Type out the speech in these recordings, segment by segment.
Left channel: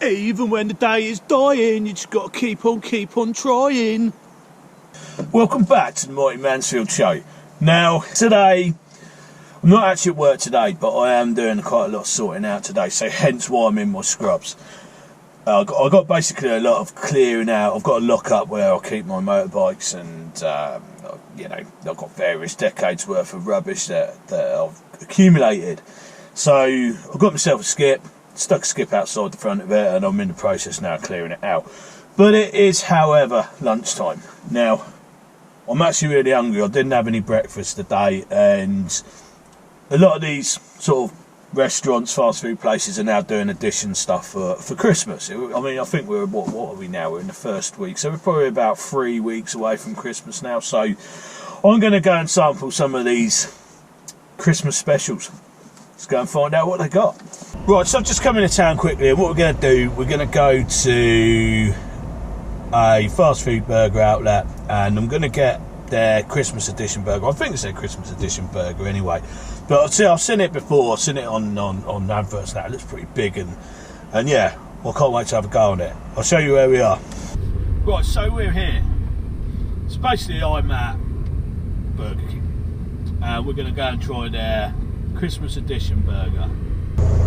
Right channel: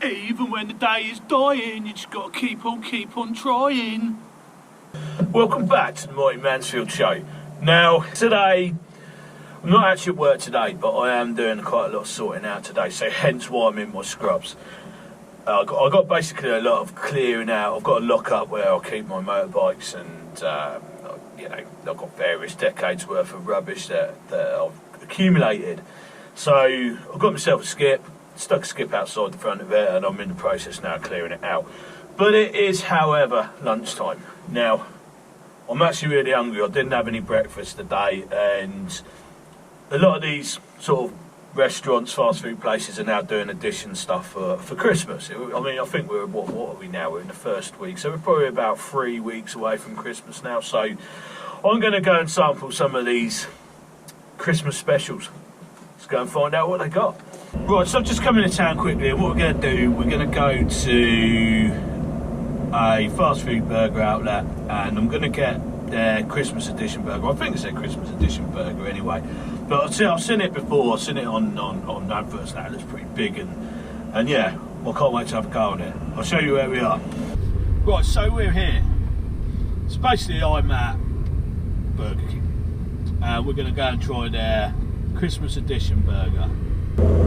Even when the day is dying, you just got to keep on trying. Welcome back to the Mighty Mansfield show. Now, today, I'm not actually at work today, but I am doing quite a lot of sorting out today, so hence why I'm in my scrubs. I've got basically a lot of clearing out. I've got a lock up where I'll keep my motorbikes, and you know, I've got various decades worth of rubbish that I've accumulated. So I've got myself a skip, stuck a skip outside the front of it, and I'm in the process now of clearing it out. But it is, however, lunchtime. Now, I'm actually really hungry. I didn't have any breakfast today, and a lot of these sort of restaurants, fast food places are now doing addition stuff for Christmas. I mean, I think we're, what are we now? We're in the first week, so we're probably about 3 weeks away from Christmas now. So I'm going to go and sample some of these Christmas specials. Let's go and find out what they got. Right, so I've just come into town quickly, and what we're going to do, we're going to go to a fast food burger outlet, and I'm going to get their Christmas edition burger. I think it's their Christmas edition burger anyway. But I've seen it before. I've seen it on adverts now. It looks pretty big, and yeah, I can't wait to have a go on it. I'll show you where we are. Right, so we're here. So basically, I'm at Burger King, and we're going to go and try their Christmas edition burger.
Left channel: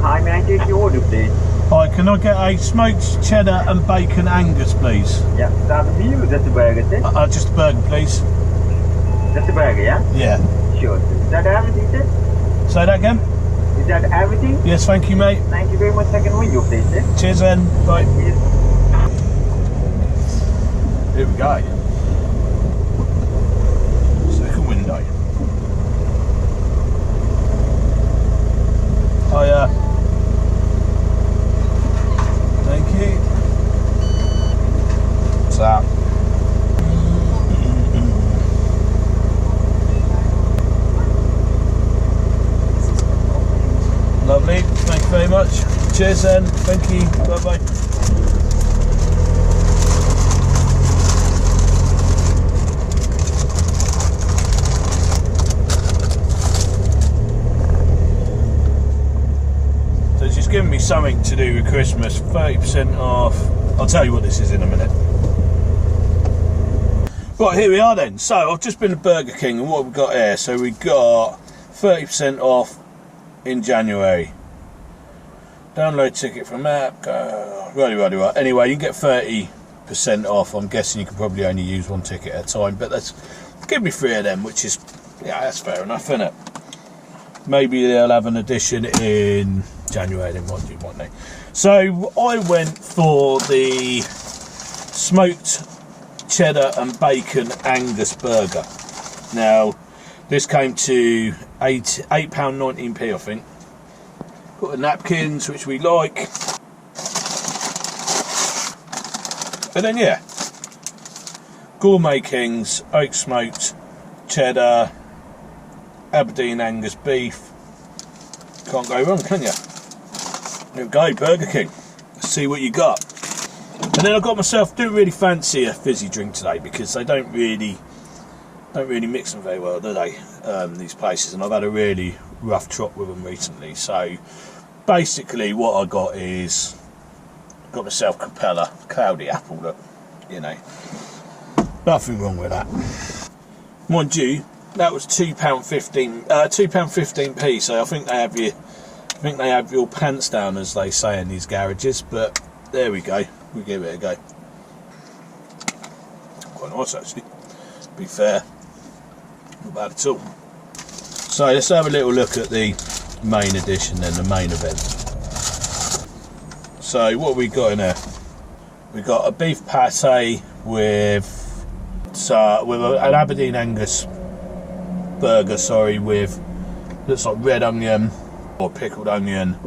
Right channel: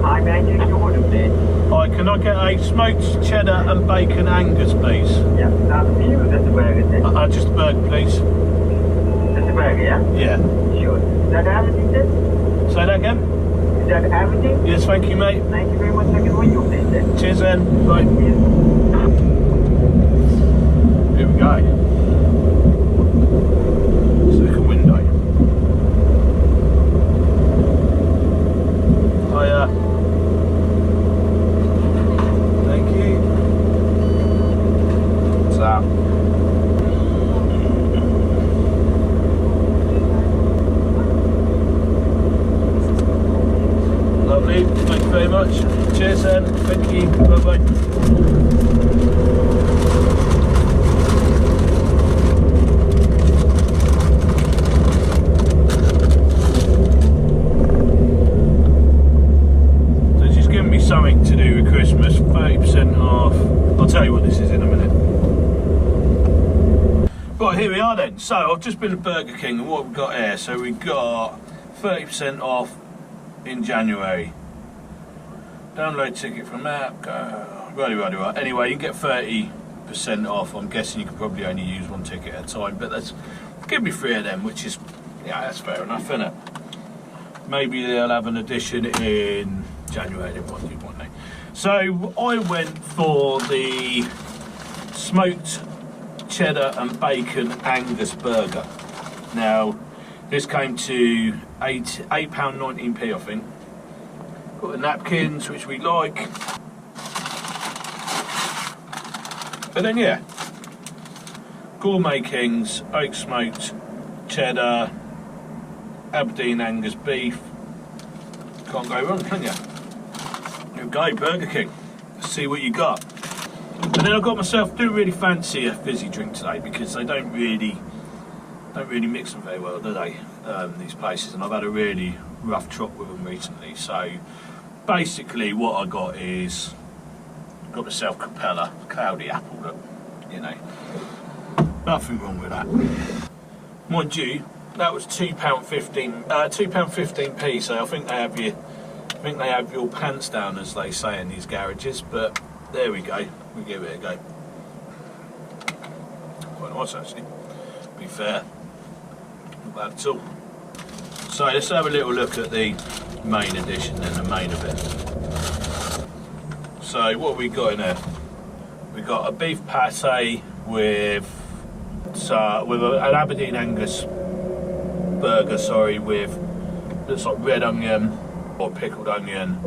Hi, may I take your order, please? Hi, can I get a smoked cheddar and bacon Angus, please? Yeah, that's for you. That's the burger, sir. Just a burger, please. That's the burger, yeah? Yeah. Sure. Is that everything, sir? Say that again? Is that everything? Yes, thank you, mate. Thank you very much. Second window, please, sir. Cheers then. Bye. Here we go. Second window. Hiya. Thank you. What's that? Lovely, thank you very much. Cheers then, thank you, bye bye. So it's just giving me something to do with Christmas, 30% off. I'll tell you what this is in a minute. Right, here we are then. So I've just been to Burger King, and what we've got here, so we've got 30% off in January. Download ticket from app. Right. Anyway, you can get 30% off. I'm guessing you can probably only use one ticket at a time, but that's give me 3 of them, which is, yeah, that's fair enough, isn't it? Maybe they'll have an edition in January. They might do, won't they? So I went for the smoked cheddar and bacon Angus burger. Now, this came to £8.19p, I think. Got the napkins, which we like. And then, yeah, Gourmet Kings, oak smoked cheddar, Aberdeen Angus beef. Can't go wrong, can you? Here we go, Burger King. Let's see what you got. And then I got myself, didn't really fancy a fizzy drink today because they don't really mix them very well, do they? These places, and I've had a really rough trot with them recently. So basically, what I got is got myself Capella Cloudy Apple. Look, you know, nothing wrong with that. Mind you, that was £2.15, £2.15p. So I think they have your pants down, as they say in these garages. But there we go. We give it a go. Quite nice, actually. To be fair. Not bad at all. So let's have a little look at the main edition and the main event. So what we got in there? We got a beef pate with an Aberdeen Angus burger. Sorry, with looks like red onion or pickled onion.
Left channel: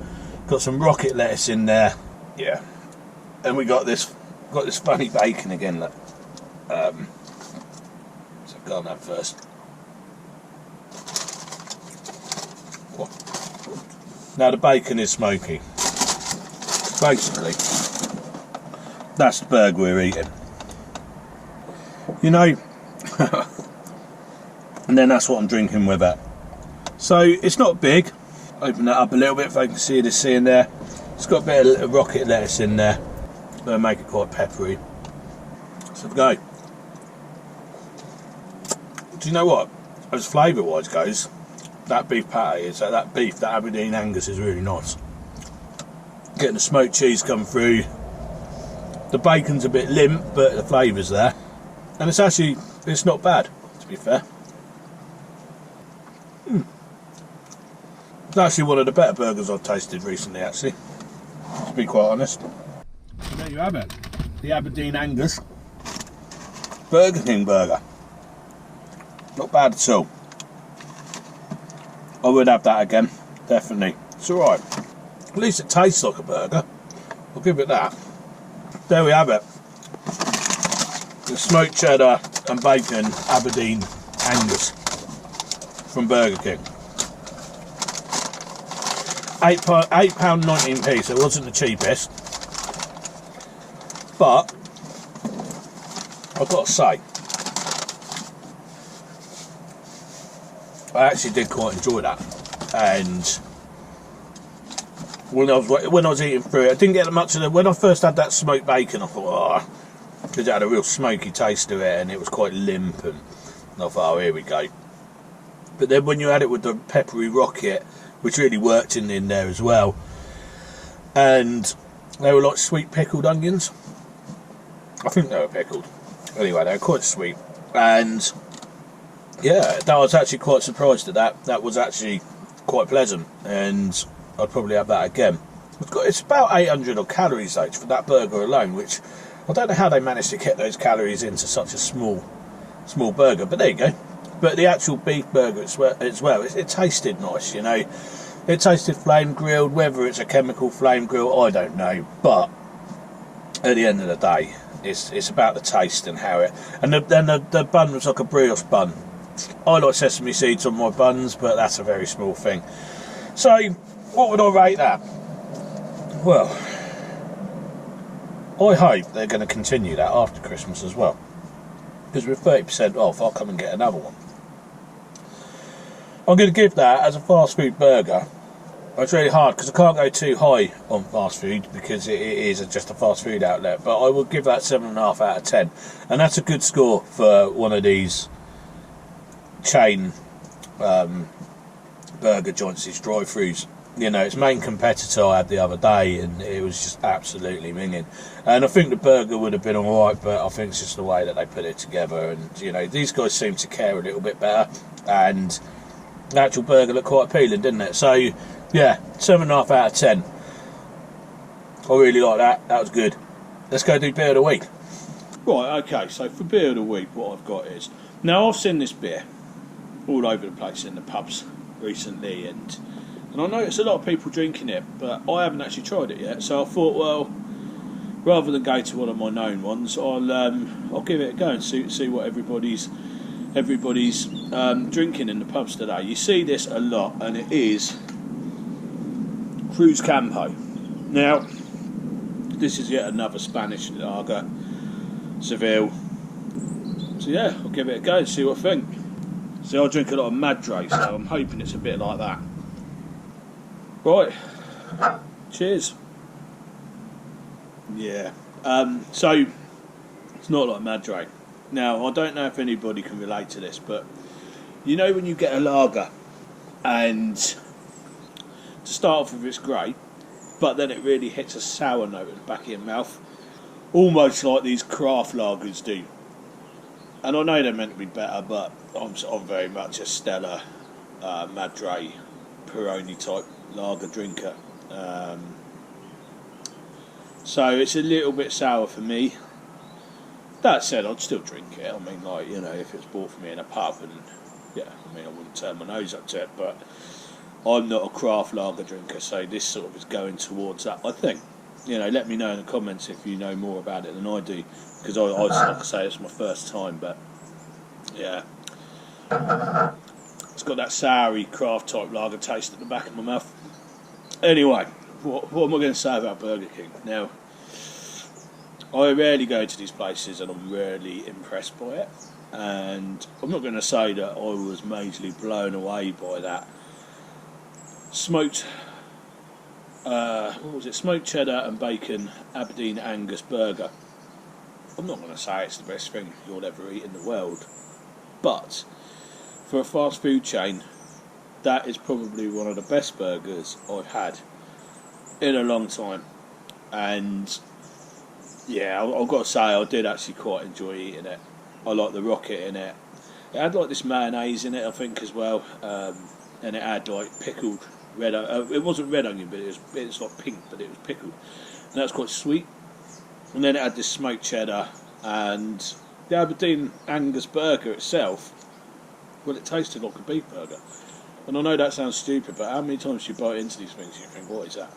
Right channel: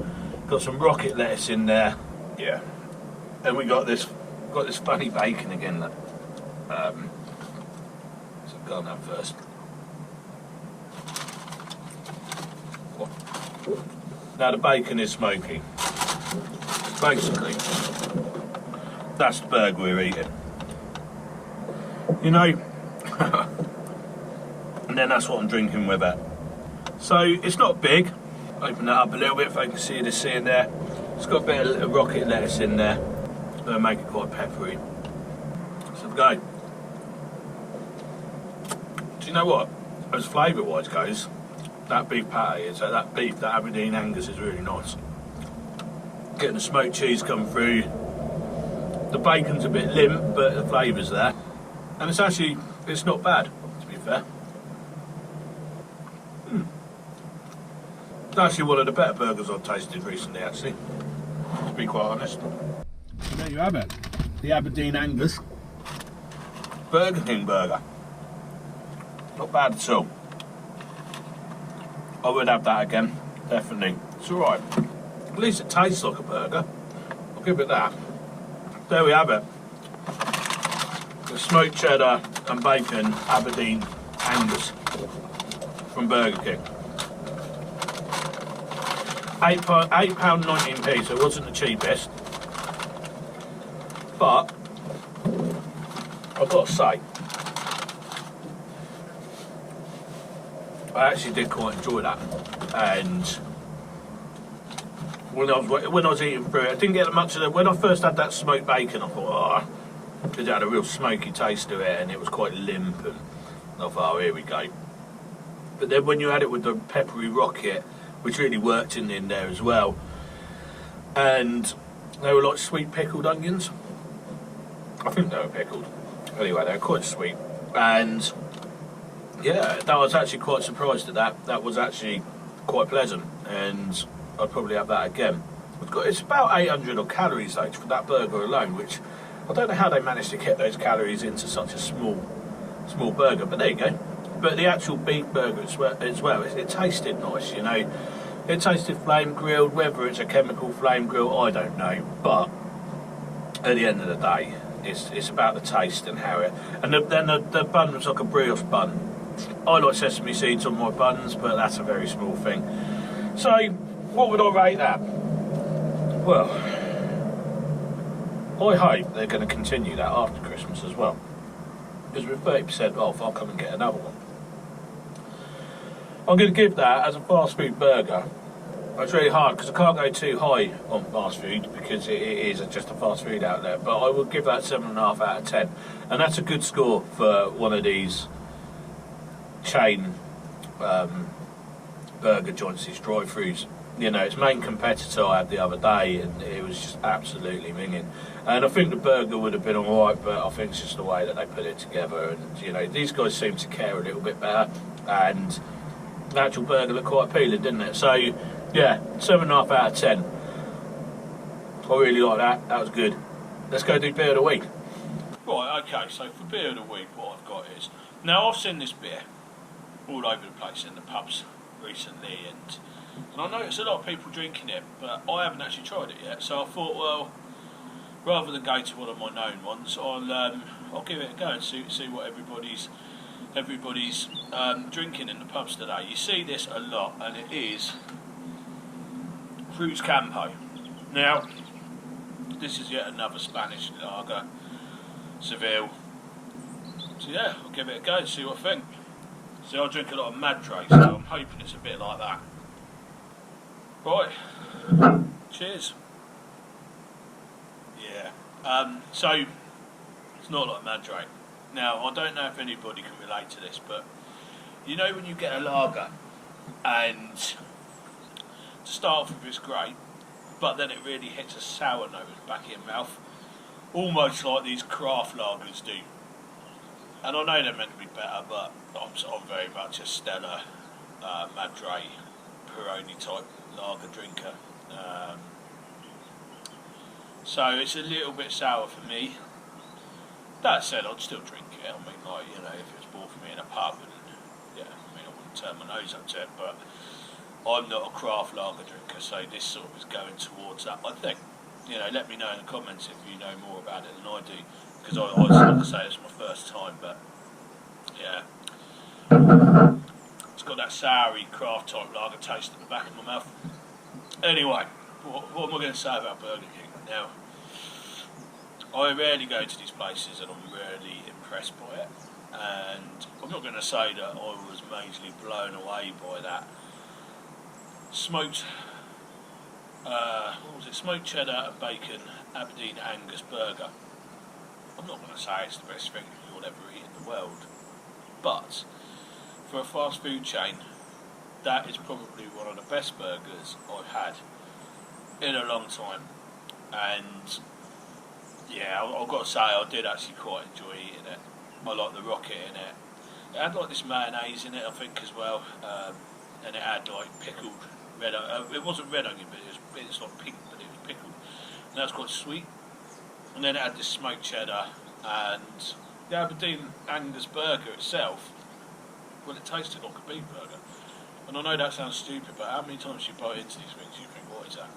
Got some rocket lettuce in there. Yeah, and we got this funny bacon again. That so go on that first. Now the bacon is smoky. Basically, that's the burger we're eating. You know, and then that's what I'm drinking with it. So it's not big. Open that up a little bit if I can see the C in there. It's got a bit of rocket lettuce in there. They'll make it quite peppery. So go. Do you know what? As flavour-wise goes, that beef patty is that Aberdeen Angus is really nice. Getting the smoked cheese come through. The bacon's a bit limp, but the flavour's there, and it's not bad, to be fair. It's actually one of the better burgers I've tasted recently, actually, to be quite honest. So there you have it, the Aberdeen Angus Burger King burger. Not bad at all. I would have that again, definitely. It's alright. At least it tastes like a burger. I'll give it that. There we have it. The smoked cheddar and bacon Aberdeen Angus from Burger King. £8.19p, so it wasn't the cheapest. But I've got to say, I actually did quite enjoy that. And when I was eating through it, I didn't get much of it. When I first had that smoked bacon, I thought, oh, because it had a real smoky taste to it, and it was quite limp, and I thought, oh, here we go. But then when you had it with the peppery rocket, which really worked in there as well, and they were like sweet pickled onions. I think they were pickled. Anyway, they were quite sweet, and yeah, I was actually quite surprised at that. That was actually quite pleasant, and I'd probably have that again. It's about 800 odd calories though for that burger alone, which I don't know how they managed to get those calories into such a small burger, but there you go. But the actual beef burger as well, it tasted nice, you know. It tasted flame grilled. Whether it's a chemical flame grill, I don't know. But at the end of the day, it's about the taste and how it. And then the bun was like a brioche bun. I like sesame seeds on my buns, but that's a very small thing. So, what would I rate that? Well, I hope they're going to continue that after Christmas as well. Because with 30% off, I'll come and get another one. I'm going to give that as a fast food burger. It's really hard because I can't go too high on fast food because it is just a fast food outlet. But I will give that 7.5 out of 10. And that's a good score for one of these chain burger joints, these drive-thrus. You know, its main competitor I had the other day, and it was just absolutely minging. And I think the burger would have been alright, but I think it's just the way that they put it together. And, you know, these guys seem to care a little bit better. And the actual burger looked quite appealing, didn't it? So, yeah, 7.5 out of 10. I really like that. That was good. Let's go do beer of the week. Right, okay, so for beer of the week, what I've got is... Now, I've seen this beer all over the place in the pubs recently, and I noticed a lot of people drinking it, but I haven't actually tried it yet. So I thought, well, rather than go to one of my known ones, I'll give it a go and see what everybody's drinking in the pubs today. You see this a lot, and it is Cruz Campo. Now, this is yet another Spanish lager, Seville. So yeah, I'll give it a go and see what I think. So I drink a lot of Madre, so I'm hoping it's a bit like that. Right, cheers. Yeah, so it's not like Madre. Now, I don't know if anybody can relate to this, but you know when you get a lager and to start off with it's great, but then it really hits a sour note at the back of your mouth, almost like these craft lagers do. And I know they're meant to be better, but I'm very much a Stella, Madre, Peroni type lager drinker. So it's a little bit sour for me. That said, I'd still drink it. I mean, like, you know, if it's bought for me in a pub, and yeah, I mean, I wouldn't turn my nose up to it, but I'm not a craft lager drinker, so this sort of is going towards that, I think. You know, let me know in the comments if you know more about it than I do, because I like to say it's my first time, but yeah. It's got that soury craft type lager taste at the back of my mouth. Anyway, what am I going to say about Burger King? Now, I rarely go to these places and I'm rarely impressed by it. And I'm not going to say that I was majorly blown away by that smoked what was it? Smoked cheddar and bacon Aberdeen Angus burger. I'm not going to say it's the best thing you'll ever eat in the world, but for a fast food chain, that is probably one of the best burgers I've had in a long time. And yeah, I've got to say, I did actually quite enjoy eating it. I like the rocket in it. It had like this mayonnaise in it, I think, as well, and it had like pickled red. It wasn't red onion, but it's like pink, but it was pickled, and that was quite sweet. And then it had this smoked cheddar and the Aberdeen Angus burger itself. Well, it tasted like a beef burger. And I know that sounds stupid, but how many times you bite into these things you think, what is that?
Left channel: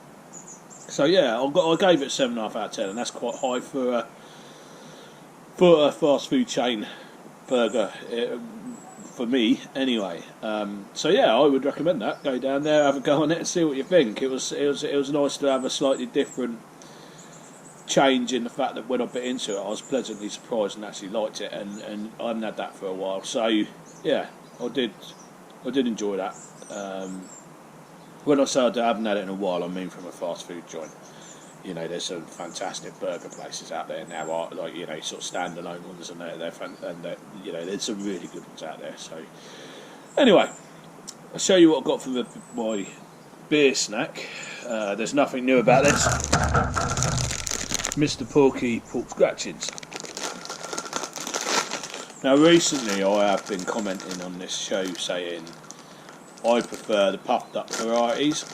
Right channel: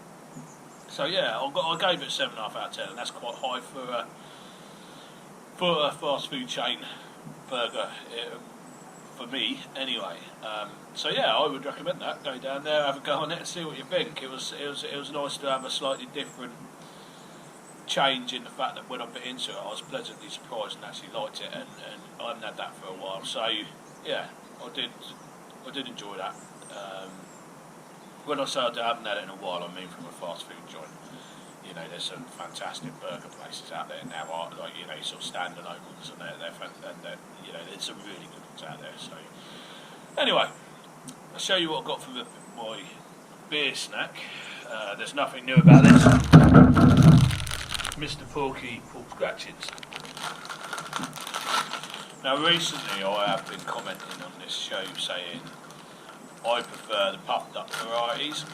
So yeah, I gave it 7.5 out of 10, and that's quite high for a fast food chain burger, for me anyway. So yeah, I would recommend that. Go down there, have a go on it, and see what you think. It was nice to have a slightly different change in the fact that when I bit into it, I was pleasantly surprised and actually liked it, and I hadn't had that for a while. So yeah, I did enjoy that. When I say I haven't had it in a while, I mean from a fast food joint. You know, there's some fantastic burger places out there now, like, you know, sort of standalone ones, and you know, there's some really good ones out there. So anyway, I'll show you what I got for my beer snack. There's nothing new about this. Mr. Porky pork scratchings. Now recently I have been commenting on this show saying I prefer the puffed up varieties,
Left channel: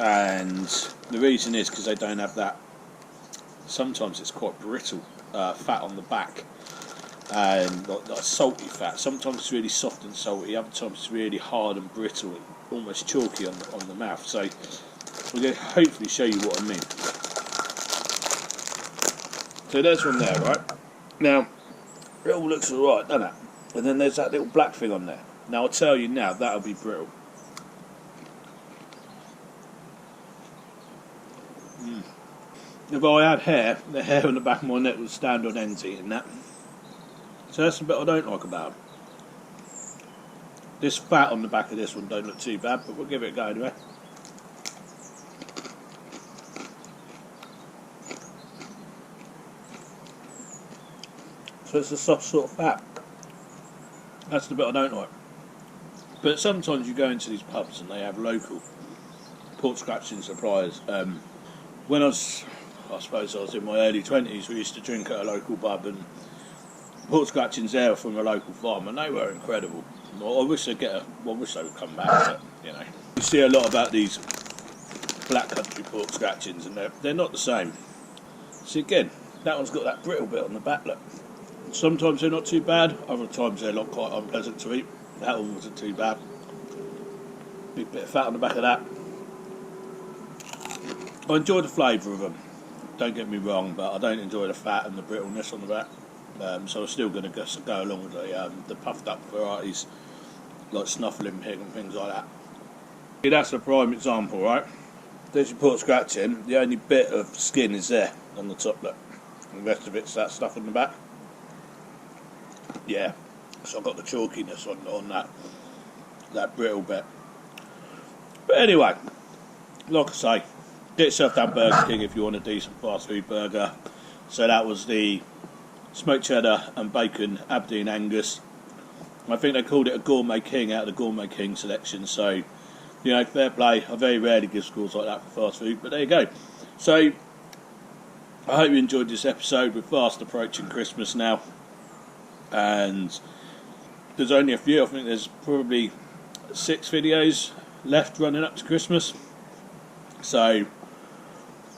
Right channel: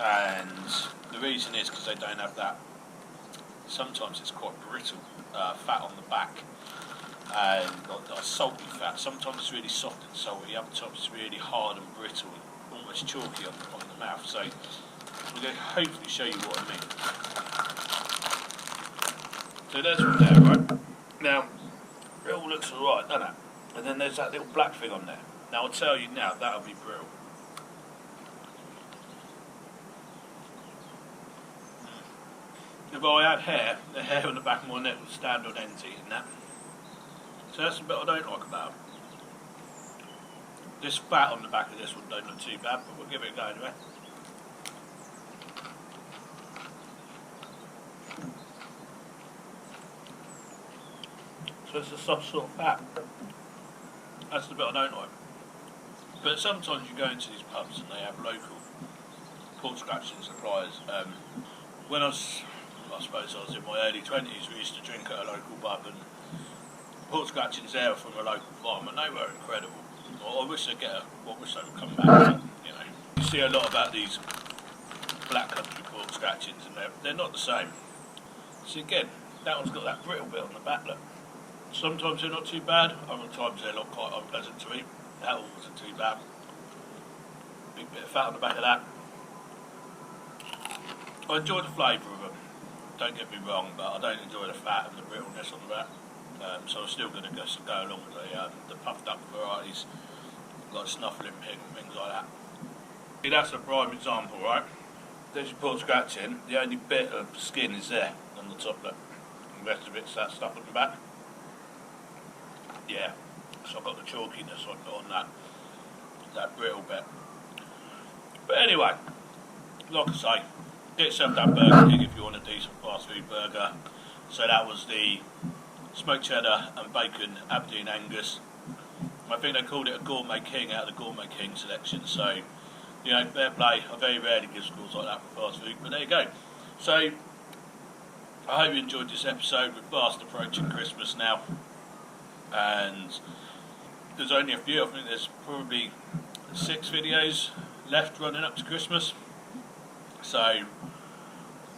and the reason is because they don't have that, sometimes it's quite brittle fat on the back, and like salty fat. Sometimes it's really soft and salty, other times it's really hard and brittle, almost chalky on the mouth. So we're going to hopefully show you what I mean. So there's one there, right? Now, it all looks alright, doesn't it? And then there's that little black thing on there. Now I'll tell you now, that'll be brittle. If I had hair, the hair on the back of my neck would stand on end eating that. So that's the bit I don't like about them. This fat on the back of this one don't look too bad, but we'll give it a go anyway. So it's a soft sort of fat. That's the bit I don't like. But sometimes you go into these pubs and they have local pork scratching suppliers. When I suppose I was in my early 20s, we used to drink at a local pub, and pork scratchings there from a local farm, and they were incredible. I wish they would come back, but, you know. You see a lot about these black country pork scratchings, and they're not the same. See, again, that one's got that brittle bit on the back, look. Sometimes they're not too bad, other times they're not quite unpleasant to eat. That one wasn't too bad. Big bit of fat on the back of that. I enjoy the flavour of them, don't get me wrong, but I don't enjoy the fat and the brittleness on the back. So I'm still going to go along with the puffed up varieties, like snuffling pig and things like that. See, that's a prime example, right? There's your pork scratching, the only bit of skin is there on the top, look. And the rest of it's that stuff on the back. Yeah, so I've got the chalkiness on that brittle bit. But anyway, like I say, get yourself down Burger King if you want a decent fast food burger. So that was the smoked cheddar and bacon Aberdeen Angus. I think they called it a Gourmet King out of the Gourmet King selection. So, you know, fair play. I very rarely give scores like that for fast food, but there you go. So, I hope you enjoyed this episode. We're fast approaching Christmas now, and there's only a few. I think there's probably 6 videos left running up to Christmas. So,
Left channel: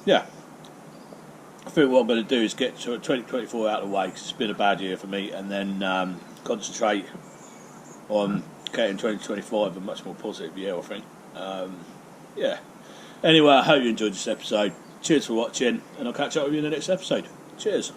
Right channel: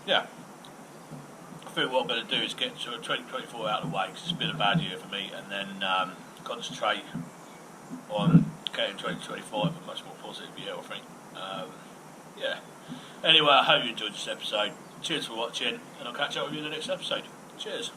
yeah, I think what I'm going to do is get to 2024 out of the way, because it's been a bad year for me, and then concentrate on getting 2025 a much more positive year, I think. Yeah. Anyway, I hope you enjoyed this episode. Cheers for watching, and I'll catch up with you in the next episode. Cheers.